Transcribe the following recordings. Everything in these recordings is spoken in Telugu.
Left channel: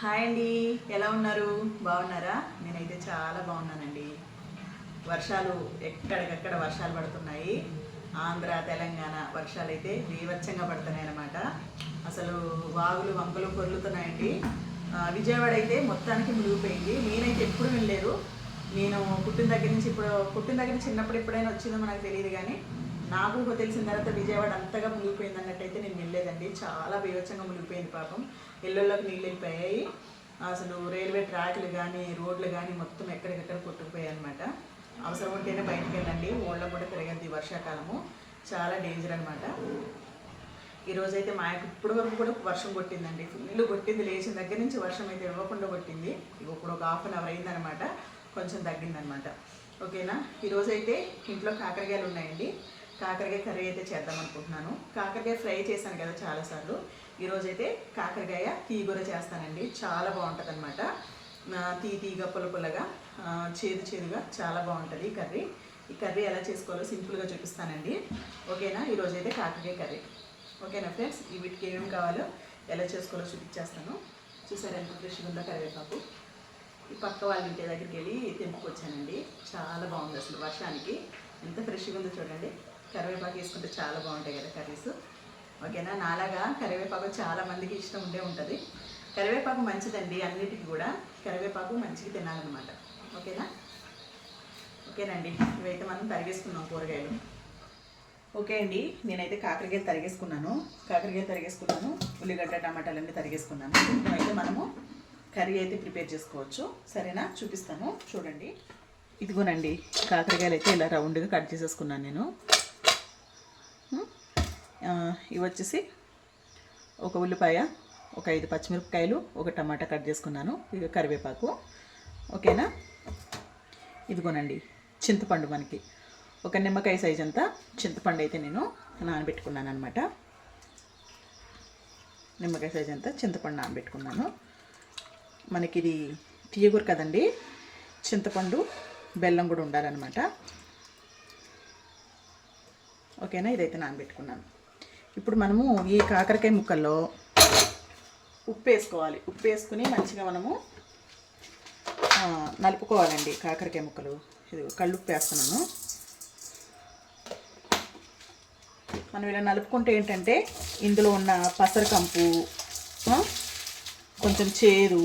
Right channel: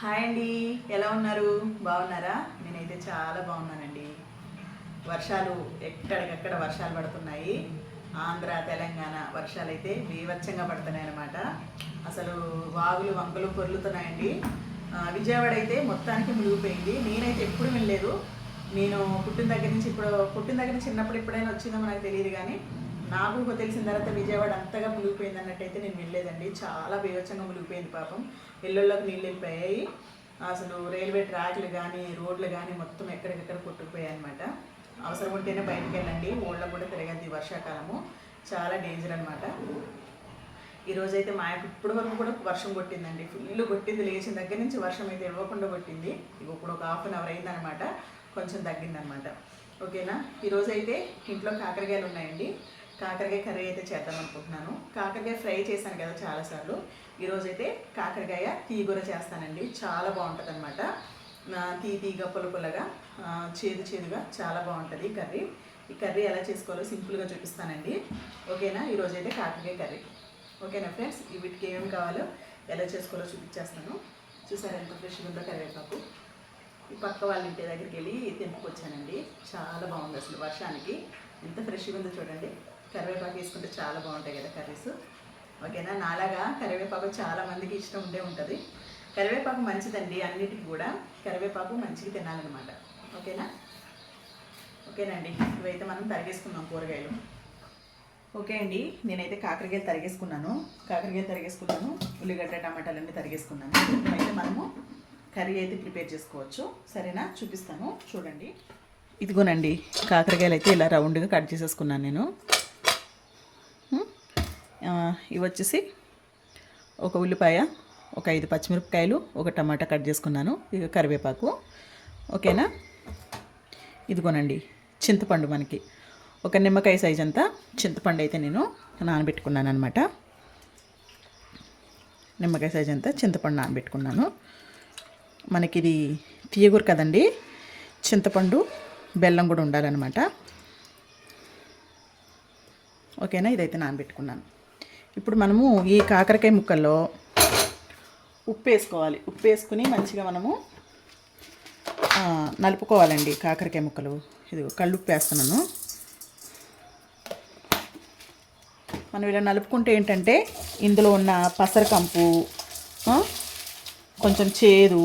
హాయ్ అండి. ఎలా ఉన్నారు? బాగున్నారా? నేనైతే చాలా బాగున్నానండి. వర్షాలు ఎక్కడికక్కడ వర్షాలు పడుతున్నాయి. ఆంధ్ర తెలంగాణ వర్షాలు అయితే బీభత్సంగా పడుతున్నాయి అన్నమాట అసలు వాగులు వంకలు పొర్లుతున్నాయండి. విజయవాడ అయితే మొత్తానికి మునిగిపోయింది. నేనైతే ఎప్పుడు వెళ్ళలేదు నేను పుట్టిన దగ్గర నుంచి ఇప్పుడు పుట్టిన దగ్గర నుంచి చిన్నప్పుడు ఎప్పుడైనా వచ్చిందో నాకు తెలియదు కానీ నాకు తెలిసిన తర్వాత విజయవాడ అంతగా మునిగిపోయింది అన్నట్టయితే నేను వెళ్ళలేదండి చాలా బీభత్సంగా మునిగిపోయింది పాపం. ఇళ్ళల్లోకి నీళ్ళు వెళ్ళిపోయాయి. అసలు రైల్వే ట్రాక్లు కానీ రోడ్లు కానీ మొత్తం ఎక్కడికెక్కడ కొట్టుకుపోయాయి అనమాట అవసరం ఉంటేనే బయటికి వెళ్ళండి. ఓళ్ళ కూడా తిరగద్ది వర్షాకాలము. చాలా డేంజర్ అనమాట ఈరోజు అయితే మా యొక్క ఇప్పటి వరకు కూడా వర్షం కొట్టిందండి. ఫుల్ కొట్టింది. లేచిన దగ్గర నుంచి వర్షం అయితే ఇవ్వకుండా కొట్టింది. ఇప్పుడు ఒక హాఫ్ అన్ అవర్ అయిందనమాట కొంచెం తగ్గిందనమాట ఓకేనా? ఈరోజు అయితే ఇంట్లో కాకరకాయలు ఉన్నాయండి. కాకరకాయ కర్రీ అయితే చేద్దాం అనుకుంటున్నాను. కాకరకాయ ఫ్రై చేశాను కదా చాలాసార్లు. ఈరోజైతే కాకరకాయ తీగూర చేస్తానండి. చాలా బాగుంటుంది అనమాట తీ తీగ పుల్ల పుల్లగా చేదు చేదుగా చాలా బాగుంటుంది కర్రీ. ఈ కర్రీ ఎలా చేసుకోవాలో సింపుల్గా చూపిస్తానండి. ఓకేనా? ఈరోజైతే కాకరకాయ కర్రీ. ఓకేనా ఫ్రెండ్స్? వీటికి ఏమేమి కావాలో ఎలా చేసుకోవాలో చూపించేస్తాను. చూసారు ఎంత ఫ్రెష్గా ఉందో కరివేపాకు. ఈ పక్క వాళ్ళ ఇంటి దగ్గరికి వెళ్ళి తెంపుకొచ్చానండి. చాలా బాగుంది అసలు వర్షానికి. ఎంత ఫ్రెష్గా ఉందో చూడండి. కరివేపాకు వేసుకుంటే చాలా బాగుంటాయి కదా కర్రీస్. ఓకేనా? నాలాగా కరివేపాకు చాలా మందికి ఇష్టం ఉండే ఉంటుంది. కరివేపాకు మంచిదండి అన్నిటికీ కూడా. కరివేపాకు మంచిగా తినాలన్నమాట. ఓకేనా? ఓకేనండి. ఇవైతే మనం తరిగేసుకున్నాం కూరగాయలు. ఓకే అండి. నేనైతే కాకరకాయలు తరిగేసుకున్నాను. కాకరకాయలు తరిగేసుకున్నాను. ఉల్లిగడ్డ టమాటాలు అన్నీ తరిగేసుకున్నాను. అయితే మనము కర్రీ అయితే ప్రిపేర్ చేసుకోవచ్చు. సరేనా? చూపిస్తాను. చూడండి. ఇదిగోనండి. కాకరకాయలు అయితే ఇలా రౌండ్గా కట్ చేసేసుకున్నాను నేను. ఇవి వచ్చేసి ఒక ఉల్లిపాయ ఒక ఐదు పచ్చిమిరపకాయలు ఒక టమాటా కట్ చేసుకున్నాను ఇక కరివేపాకు. ఓకేనా? ఇదిగోనండి చింతపండు మనకి. ఒక నిమ్మకాయ సైజ్ అంతా చింతపండు అయితే నేను నానబెట్టుకున్నాను అనమాట నిమ్మకాయ సైజ్ అంతా చింతపండు నానబెట్టుకున్నాను. మనకి ఇది తీయగూరు కదండి చింతపండు బెల్లం కూడా ఉండాలన్నమాట. ఓకేనా? ఇదైతే నానబెట్టుకున్నాను. ఇప్పుడు మనము ఈ కాకరకాయ ముక్కల్లో ఉప్పు వేసుకోవాలి. ఉప్పు వేసుకుని మంచిగా మనము నలుపుకోవాలండి కాకరకాయ ముక్కలు. ఇది కళ్ళుప్పు వేస్తున్నాను. మనం ఇలా నలుపుకుంటే ఏంటంటే ఇందులో ఉన్న పసరకంపు కొంచెం చేదు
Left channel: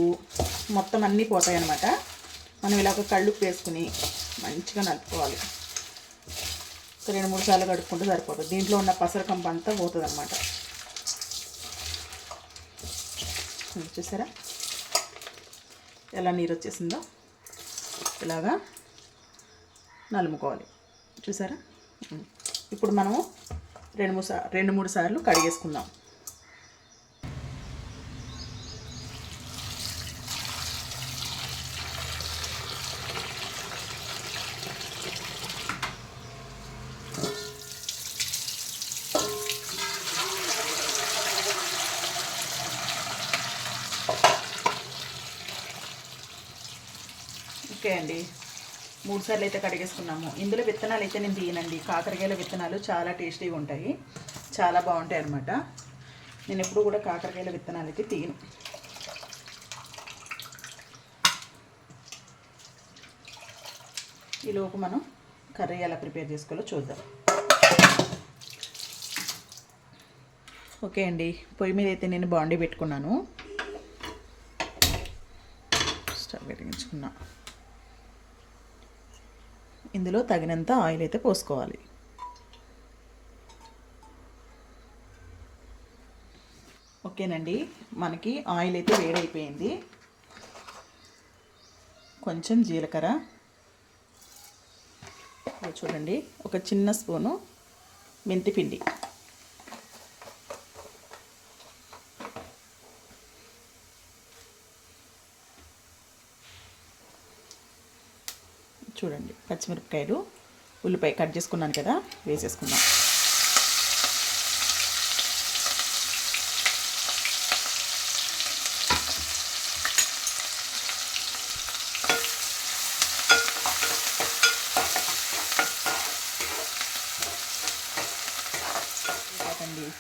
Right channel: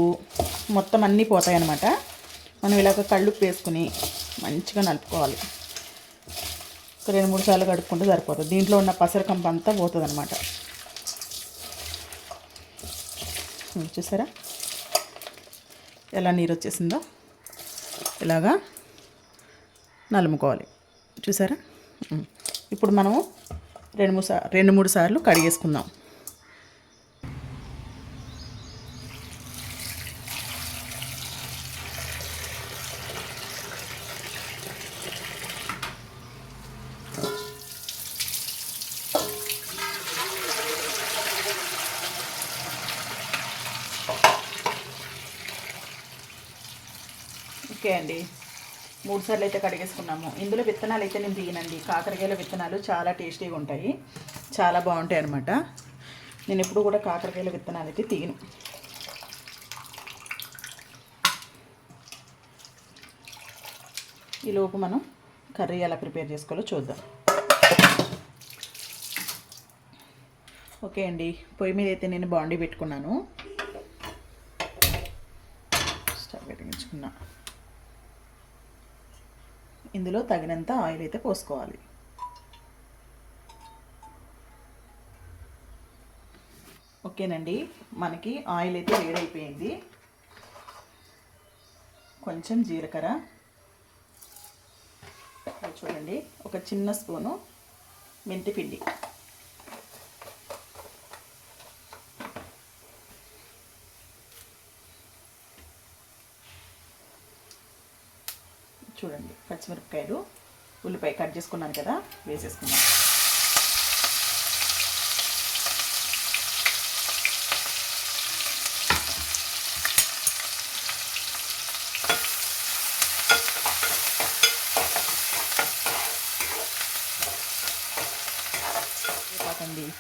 మొత్తం అన్నీ పోతాయన్నమాట. మనం ఇలాగ కళ్ళుప్పు వేసుకుని మంచిగా నలుపుకోవాలి. రెండు మూడు సార్లు కడుక్కుంటే సరిపోతుంది. దీంట్లో ఉన్న పసరకంప అంతా పోతుంది అనమాట చూసారా? ఎలా నీరు వచ్చేసిందో ఇలాగా నలుముకోవాలి. చూసారా? ఇప్పుడు మనము రెండు మూడు సార్ రెండు మూడు సార్లు కడిగేసుకుందాం ఓకే అండి మూడు సార్లు అయితే కడిగేసుకున్నాము. ఇందులో విత్తనాలు అయితే నేను తీయనండి. కాకరకాయల విత్తనాలు చాలా టేస్టీగా ఉంటాయి. చాలా బాగుంటాయి అన్నమాట. నేను ఎప్పుడు కూడా కాకరకాయల విత్తనాలు అయితే తీయను. ఈలోపు మనం కర్రీ ఎలా ప్రిపేర్ చేసుకోవాలో చూద్దాం. ఓకే అండి. పొయ్యి మీద అయితే నేను బాండీ పెట్టుకున్నాను. స్టవ్ వెలిగించుకున్నాను ఇందులో తగినంత ఆయిల్ అయితే పోసుకోవాలి. ఓకేనండి మనకి ఆయిల్ అయితే వేడైపోయింది. కొంచెం జీలకర్ర. చూడండి ఒక చిన్న స్పూను మెంతిపిండి చూడండి పచ్చిమిరపకాయలు ఉల్లిపాయ కట్ చేసుకున్నాను కదా వేసేసుకున్నాను.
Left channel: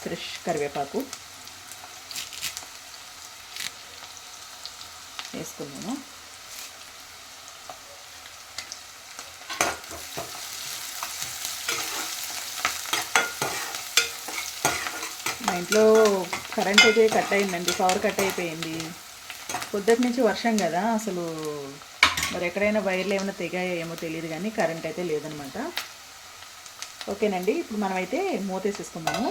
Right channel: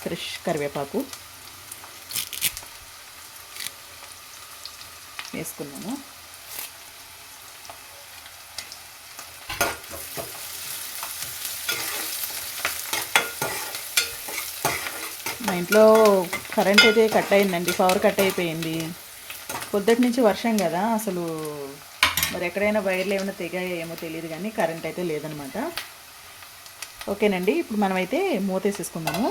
ఫ్రెష్ కరివేపాకు వేసుకున్నాను మా ఇంట్లో కరెంట్ అయితే కట్ అయిందండి పవర్ కట్ అయిపోయింది. పొద్దుటి నుంచి వర్షం కదా అసలు మరి ఎక్కడైనా వైర్లు ఏమైనా తెగాయో ఏమో తెలియదు కానీ కరెంట్ అయితే లేదనమాట. ఓకేనండి ఇప్పుడు మనమైతే మూతేసేసుకుందాము.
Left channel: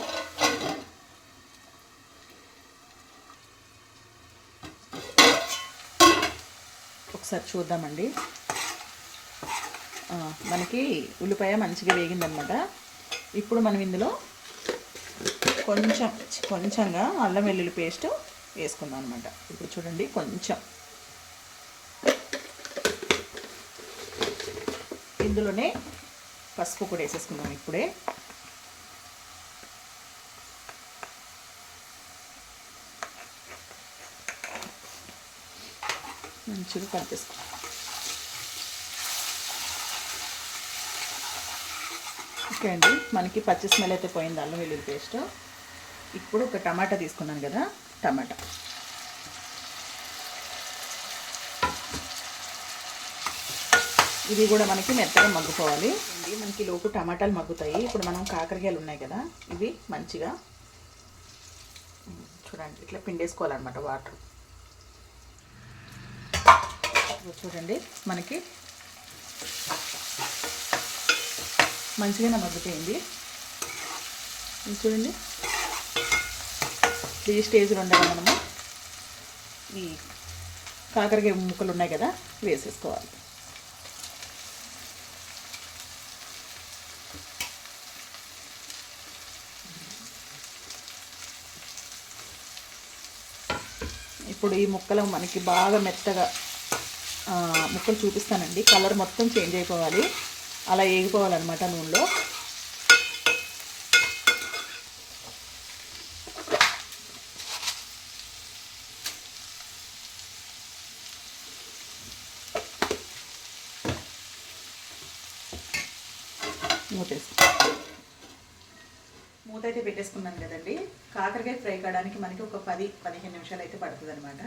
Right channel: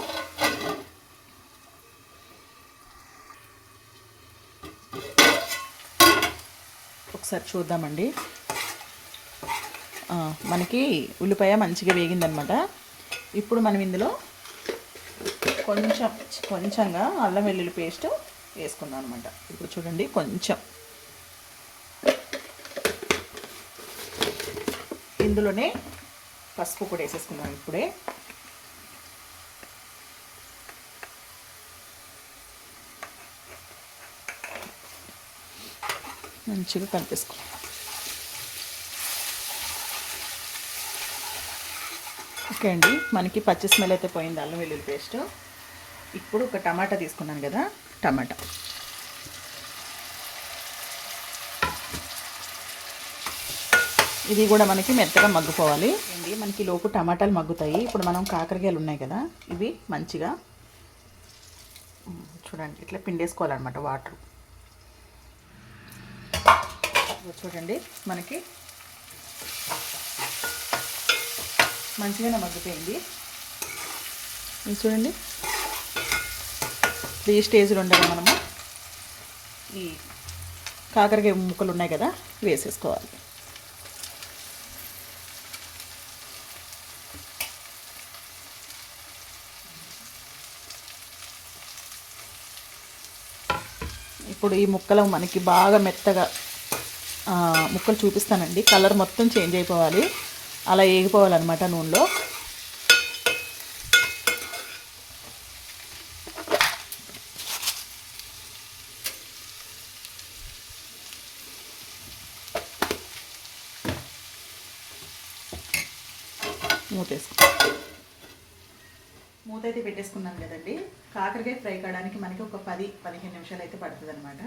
ఒకసారి చూద్దామండి. మనకి ఉల్లిపాయ మంచిగా వేగిందనమాట. ఇప్పుడు మనం ఇందులో కొంచెం కొంచెంగా అల్లం వెల్లుల్లి పేస్ట్ వేసుకుందాం అనమాట ఇప్పుడు చూడండి కొంచెం. ఇందులోనే పసుపు కూడా వేసేసుకుందాం ఇప్పుడే. మంచిగా కనిపిస్తుంది ఓకే అండి మనకి పచ్చి స్మెల్ అయితే పోయింది అల్లం వెల్లుల్లి పేస్ట్. ఇప్పుడు ఒక టమాటా తీసుకున్నాను కదా టమాటా. ఇది కూడా మనకి మెత్తగా మగ్గుకోవాలి. అండి మనకి లోపు టమాటాలు మగ్గుతాయి. ఇప్పుడు మనం కాకరకాయలు ఉన్నాయి కదా ఇవి మంచిగా చూడండి ఇట్లా పిండేసుకోవాలన్నమాట వాటర్. చూడండి మనకి మంచిగానే మగ్గుతాయండి చూడండి. ఈ స్టేజ్లో ఉండగా మనము ఈ కాకరకాయ ముక్కలు ఉన్నాయి కదా వేసేసుకోవాలి. ఇప్పుడు ఈ ముక్కలు మనకి బాగా మెత్తగా ముక్కలు చూపిస్తానండి. కలర్ మొత్తం చేంజ్ అయిపోవాలి. అలా వేగిపోవాలన్నమాట నూనెలో. మూత మూత అయితే పెట్టేసుకున్నాను కదండి. కాకరకాయ ఫ్రై కావడానికి మనకి ఒక పది పదిహేను నిమిషాలు అయితే పడుతుంది అనమాట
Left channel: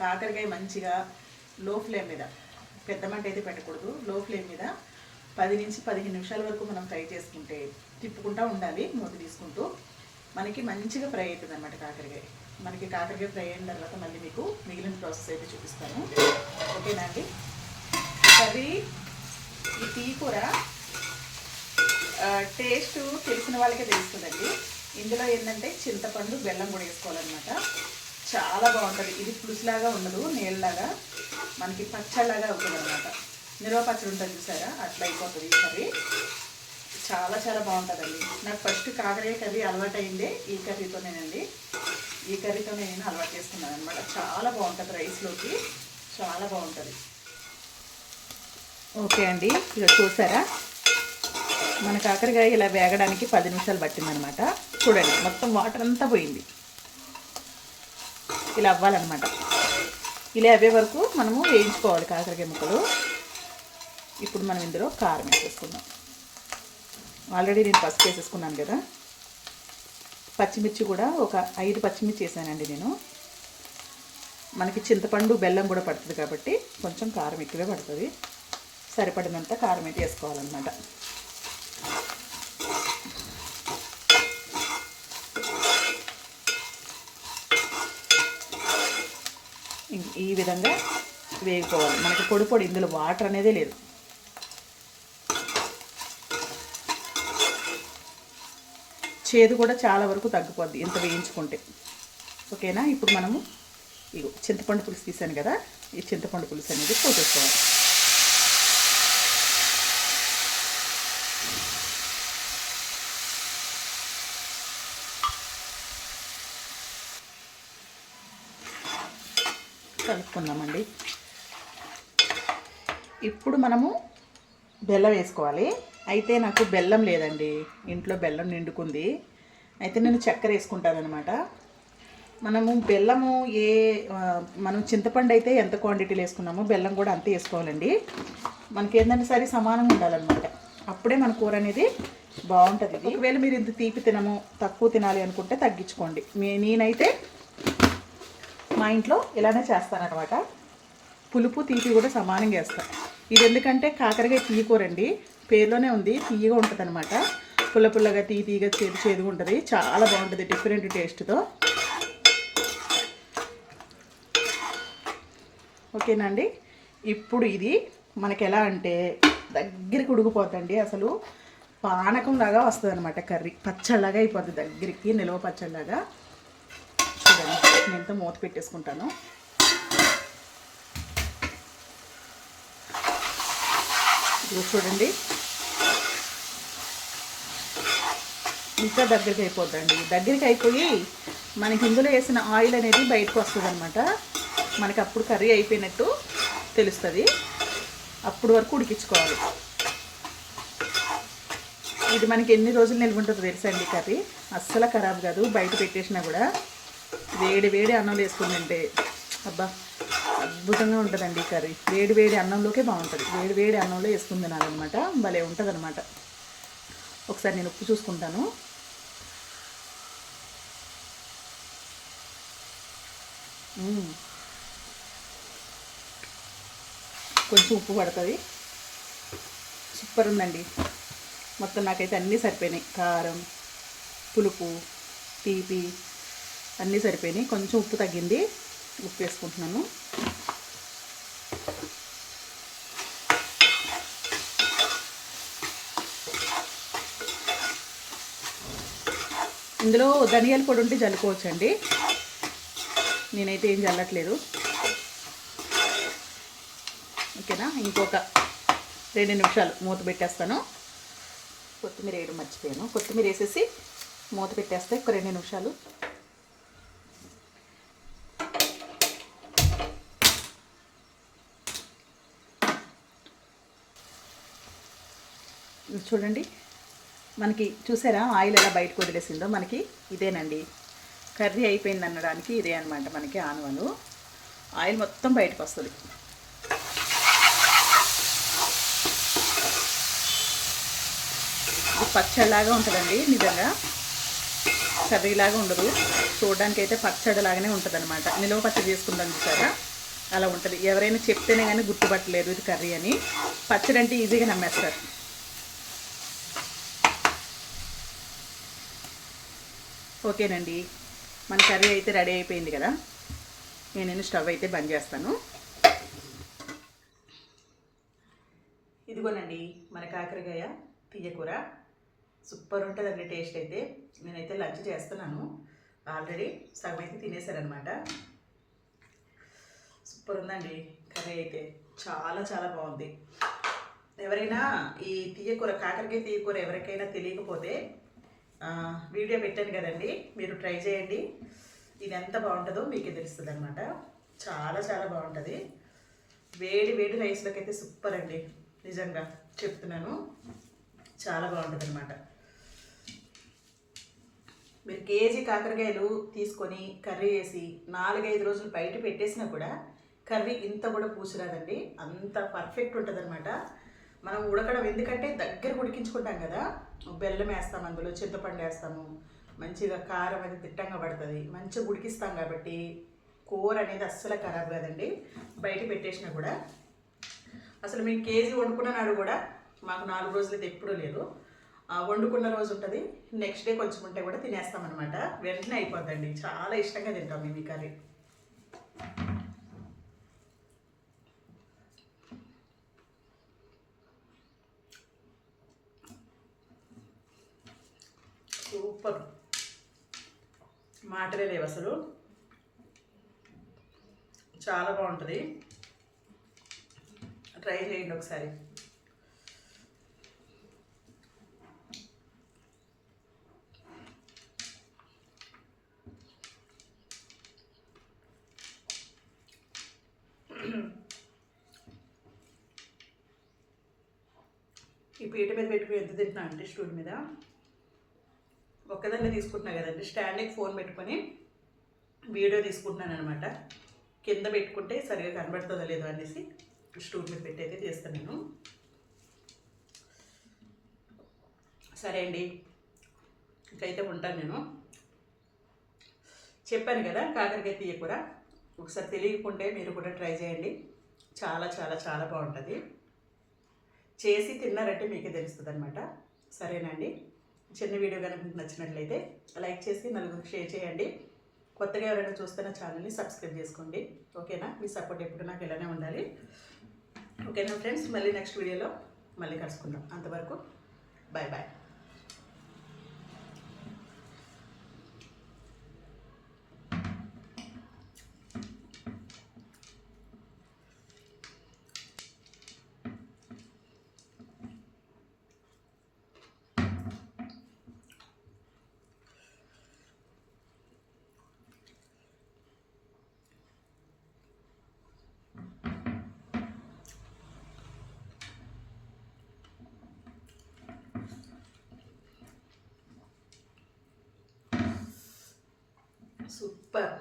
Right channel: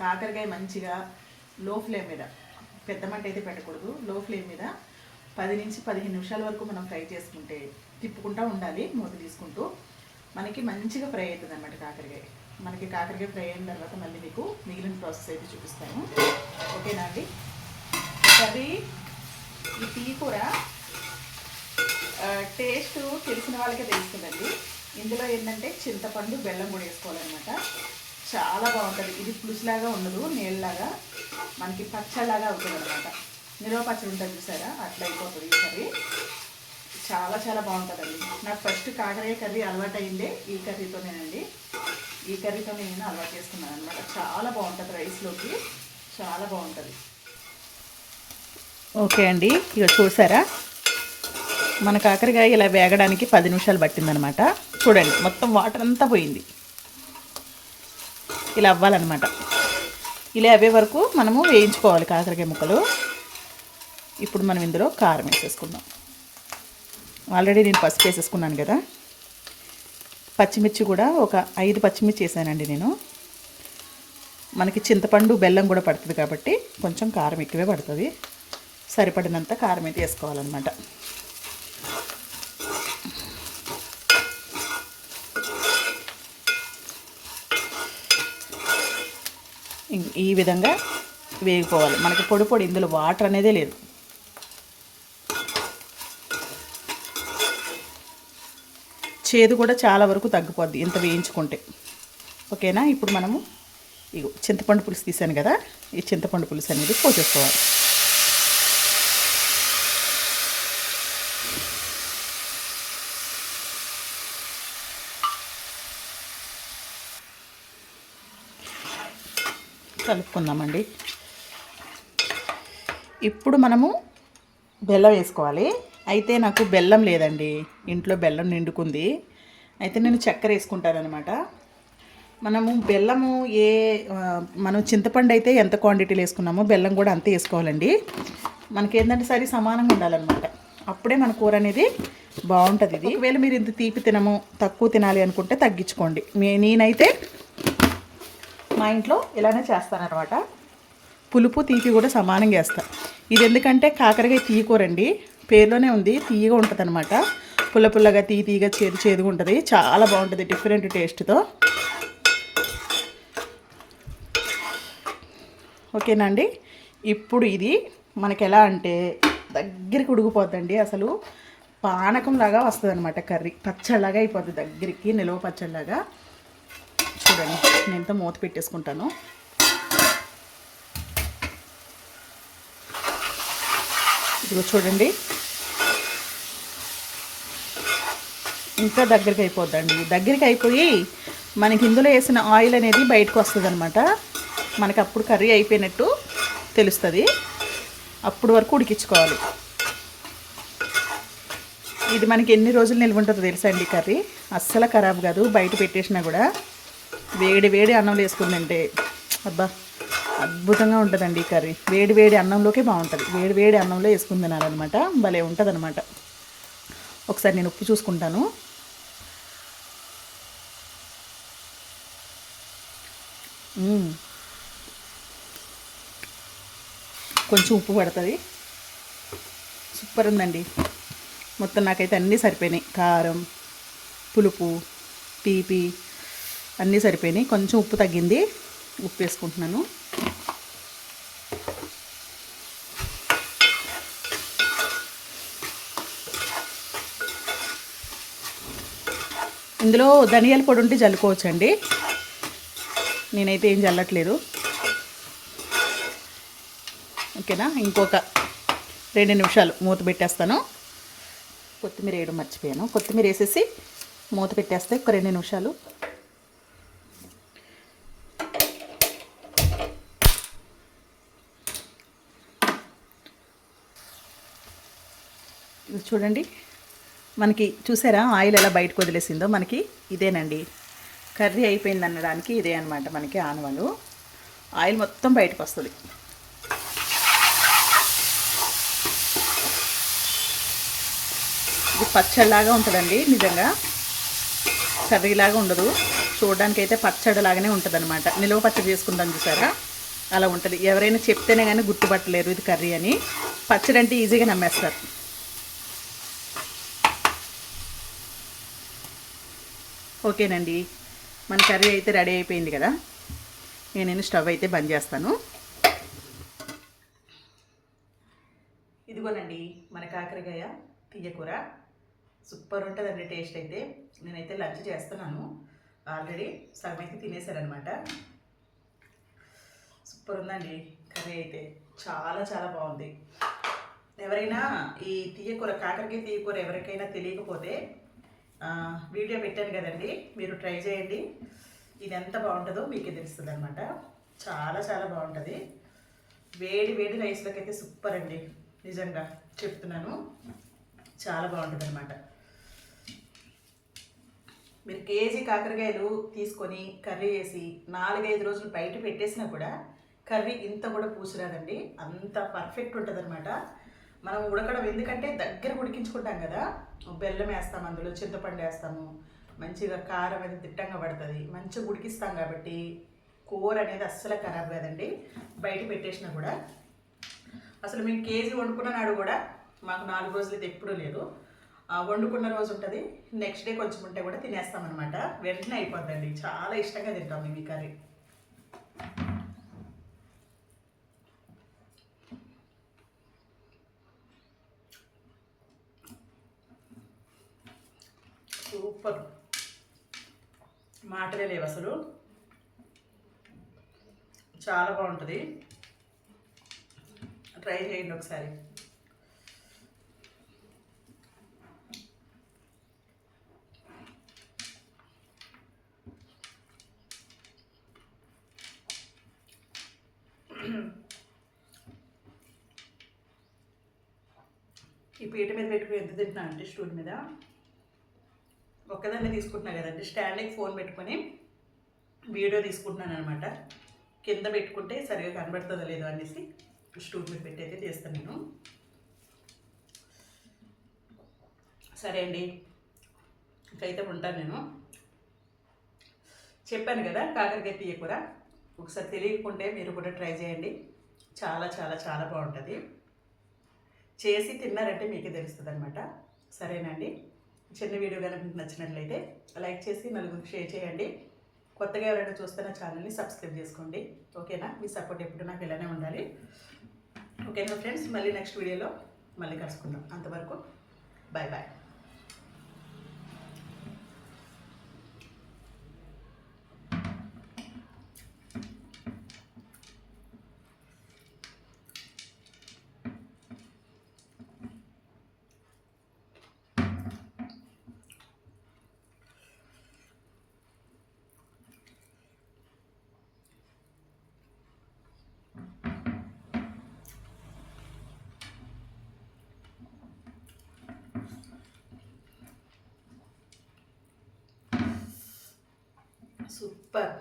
కాకరకాయ మంచిగా లో ఫ్లేమ్ మీద పెద్ద మంట అయితే పెట్టకూడదు. లో ఫ్లేమ్ మీద పది నుంచి పదిహేను నిమిషాల వరకు మనం ఫ్రై చేసుకుంటే తిప్పుకుంటూ ఉండాలి మూత తీసుకుంటూ. మనకి మంచిగా ఫ్రై అవుతుంది అనమాట కాకరకాయ. మనకి కాకరకాయ ఫ్రై అయిన తర్వాత మళ్ళీ మీకు మిగిలిన ప్రాసెస్ అయితే చూపిస్తాను. ఓకేనా అండి? కర్రీ ఈ టీ కూర టేస్ట్ తెలిసిన వాళ్ళకే తెలుస్తుందండి. ఇందులో ఏంటంటే చింతపండు బెల్లం కూడా వేసుకోవాలన్నమాట. చాలా బాగుంటుంది. ఇది పులుసులాగా ఉండదు నీళ్ళలాగా. మనకి పచ్చళ్ళలాగా అవుతుంది అనమాట నిల్వ పచ్చడి ఉంటుంది చూసారా? అట్లా అయిపోతుంది ఈ కర్రీ. చాలా చాలా బాగుంటుందండి. నాకు ఫస్ట్ కాకరకాయ కర్రీ అలవాటు అయిందే ఈ కర్రీతోనేనండి. ఈ కర్రీతో నేను అలవాటు చేసుకున్నాను అనమాట చాలా బాగుంటుంది రైస్లోకి. చాలా బాగుంటుంది. ఓకే అండి. ఇక చూసారా? మన కాకరకాయ ఇలా వేగడానికి పది నిమిషాలు పట్టిందనమాట. చూడండి మొత్తం వాటర్ అంతా పోయింది. ఇలా అవ్వాలన్నమాట. ఇలా అవే వరకు మనము వేయించుకోవాలి కాకరకాయ ముక్కలు. ఇప్పుడు మనం ఇందులో కారం వేసేసుకుందాం. ఆల్రెడీ నేను పసుపు వేసేసుకున్నాను కదా. పచ్చిమిర్చి కూడా ఒక ఐదు పచ్చిమిర్చి వేసానండి నేను. మనకి చింతపండు బెల్లం కూడా పడుతుంది కాబట్టి కొంచెం కారం ఎక్కువే పడుతుంది. సరిపడినంత కారం అయితే వేసుకోవాలన్నమాట. ఈ విధంగా వేగిపోవాలి. మనకి పొడి పొడి ఇందులో వాటర్ అనేదే లేదు. చేదు కూడా చాలా వరకు తగ్గిపోద్ది ఇంత వేయించుకుంటే. ఓకేనా? ఇప్పుడు మనము ఇగో చింతపండు పులుసు తీసాను కదా. ఈ చింతపండు పులుసు అనేది పోసేసుకోవాలి. వేసుకుందామండి. ఇప్పుడు మనము బెల్లం వేసుకోవాలి. అయితే నాకు బెల్లం లేదండి. ఇంట్లో బెల్లం నిండుకుంది. అయితే నేను చక్కెర వేసుకుంటానమాట మనము బెల్లము ఏ మనం చింతపండు అయితే ఎంత క్వాంటిటీలో వేసుకున్నామో బెల్లం కూడా అంతే వేసుకోవాలండి. మనకి ఏంటంటే సరి సమానంగా ఉండాలన్నమాట. అప్పుడే మన కూర అనేది బాగుంటుంది ఇది. ఒకవేళ మీరు ఇంత తీపి తినము తక్కువ తినాలి అనుకుంటే తగ్గించుకోండి. మే నేనైతే మా ఇంట్లో ఇలానే చేస్తానన్నమాట. పులుపు తీపి కూడా సమానంగా చేస్తాను ఇది ఎందుకంటే కాకరకాయ తీయకూరండి. పేరులోనే ఉంది తీయగా ఉంటుంది అనమాట పుల్ల పుల్లగా తీ తీగా చేదు చేదుగా ఉంటుంది. చాలా బాగుంటుంది డిఫరెంట్ టేస్ట్తో ఓకేనా అండి? ఇప్పుడు ఇది మనకి ఎలా అంటే దగ్గరికి ఉడికిపోద్దండి అసలు. పానకంలాగా వస్తుంది అనమాట కర్రీ. పచ్చళ్ళలాగా అయిపోద్ది దగ్గరికి నిల్వ పచ్చళ్ళలాగా. నేనంతా మూత పెట్టేసుకుంటాను. ఇది చూడండి. ఇంకా దగ్గరికి అయిపోద్దండి. దగ్గరికి అయిపోయి మనకి ఇందులో వేసిన ఆయిల్ అనేది బయటకు వస్తుంది అనమాట మనకి అప్పుడు కర్రీ అయిపోయినట్టు తెలుస్తుంది. అప్పుడు వరకు ఉడికించుకోవాలి. ఇది మనకి ఎన్ని రోజులు నిల్వ ఉంటుందో తెలుసా అండి కర్రీ? అస్సలు ఖరాబ్ కాదు. బయట పెట్టేసినా కూడా. వేడి వేడి అన్నంలో వేసుకుని తింటే అబ్బా అద్భుతంగా ఉంటుందండి ఈ కర్రీ. వేడి వేడి అన్నంలోకే బాగుంటుంది. వేడి వేడి అన్నంలో వేసుకుని తినాలన్నమాట. భలే ఉంటుంది అనమాట ఒకసారి నేను ఉప్పు చూసుకుంటాను. కొంచెం ఉప్పు పడుతుంది. సూపర్ ఉందండి. మొత్తం నాకైతే అన్నీ సరిపోయినాయి. కారం పులుపు తీపి అన్నీ సరిపోయినాయి. కొంచెం ఉప్పు తగ్గింది. ఉప్పు వేసుకుంటున్నాను. ఇందులో ధనియాల పొడి ఉంటే చల్లుకోవచ్చండి నేనైతే ఏం చల్లట్లేదు ఓకేనా? ఇంకొక రెండు నిమిషాలు మూత పెట్టేస్తాను. కొత్తిమీర వేయడం మర్చిపోయాను. కొత్తిమీర వేసేసి మూత పెట్టేస్తే ఒక రెండు నిమిషాలు చూడండి. మనకి చూసారా? ఆయిల్ ఎలా బయటకు వదిలేసిందో మనకి ఇదేనండి. కర్రీ అయిపోయింది అనడానికి ఇదే అనమాట మనకి ఆనవలు. ఆయిల్ మొత్తం బయటకు వస్తుంది. ఇది పచ్చడిలాగా ఉంటుందండి నిజంగా. కర్రీలాగా ఉండదు. చూడడానికి అయితే పచ్చడి లాగానే ఉంటుంది అనమాట నిలువ పచ్చడి చేసుకుందాం చూసారా? అలా ఉంటుంది. ఎవరైనా చెప్తేనే కానీ గుర్తుపట్టలేరు ఇది కర్రీ అని. పచ్చడి అంటే ఈజీగా నమ్మేస్తారు. ఓకేనండి. మన కర్రీ అయితే రెడీ అయిపోయింది కదా. నేను స్టవ్ అయితే బంద్ చేస్తాను. ఇదిగోనండి మన కాకరకాయ తీయకూర. సూపర్ ఉంటుందండి టేస్ట్ అయితే. నేనైతే లంచ్ చేస్తున్నాను. ఆల్రెడీ సగం అయితే తినేసారనమాట సూపర్ ఉందండి కర్రీ అయితే. చాలా చాలా బాగుంది. ఎవరైనా ఈ తీయకూర కాకరకాయ తీయకూర ఎవరికైనా తెలియకపోతే వీడియో పెట్టాను కదండి. మీరు ట్రై చేయండి. ఇది ఎంత బాగుంటుందో మీకే తెలుస్తుంది అనమాట చాలా చాలా బాగుంటుంది. వేడి వేడి రైస్లోకి అయితే సూపర్ అండి. నిజంగా చెప్తున్నాను. చాలా బాగుంటుంది అనమాట మీరు కేజీ కాకరకాయలు తీసుకొని కర్రీ వేసి నాలుగైదు రోజులు బయట పెట్టేసినా కూడా కర్రీ ఇంత కూడా పూసిరాదండి. అంత పర్ఫెక్ట్ ఉంటుంది మనం ఉడకడం ఎందుకంటే దగ్గర ఉడికించుకుంటాం కదా. బెల్లం వేస్తాం అందులో చింతపండు వేస్తాము. మంచిగా కారం అది తిట్టంగా పడుతుంది. మంచిగా ఉడికిస్తాం కాబట్టి కూర అనేది అస్సలు ఖరాబ్ కాదండి. బయట పెట్టేసినా కూడా. అసలు మేము కేజీ వండుకున్న నాడు కూడా మాకు నాలుగు రోజులు అయితే ఎప్పుడూ లేదు. వండుకున్న రోజు ఉంటుంది. నెక్స్ట్ డే కొంచెం ఉంటే కూడా తినేస్తామన్నమాట వెంటనే అయిపోద్దండి. చాలా ఇష్టంగా తింటాం మేము ఈ కర్రీ. సూపర్. మాటలే లేవు అసలు. చాలా బాగుంటుంది. ట్రై చేయండి ఒకసారి. ఈ పీట మీద పెట్టుకుని ఎంత తింటున్నా అంటే స్టూల్ మీద? ఒక్కదాన్నే తీసుకుంటున్నా కదండి. స్టాండింగ్ ఫోన్ పెట్టుకొని వీడియో తీసుకుంటున్నాను అనమాట కింద పెట్టుకుంటే సరిగా కనబడుతుందో లేదో అనేసి స్టూల్ మీద పెట్టి అయితే చేస్తాను నేను. సరే అండి. ఇంకైతే ఉంటాను నేను. చెప్పాను కదా కాకరకాయ తీయకూర ఒకసారి తెలియకుంటే మీరు కూడా ట్రై చేయండి. చాలా చాలా చాలా బాగుంటుంది. చేసి తిన్నారంటే మీకే తెలుస్తుంది అనమాట సరేనండి చిన్న వీడియో కనుక మీకు నచ్చినట్లయితే లైక్ చేసి నలుగురికి షేర్ చేయండి. కొత్తగా ఎవరైనా చూస్తున్న ఛానల్ని సబ్స్క్రైబ్ చేసుకోండి. ఓకేనా? మీ సపోర్ట్ ఎప్పుడు నాకు ఇలానే ఉండాలి. ఓకేనా ఫ్రెండ్స్? మళ్ళీ నెక్స్ట్ వీడియోలో మళ్ళీ కలుసుకుందాం. అంతవరకు బాయ్ బాయ్ సూపర్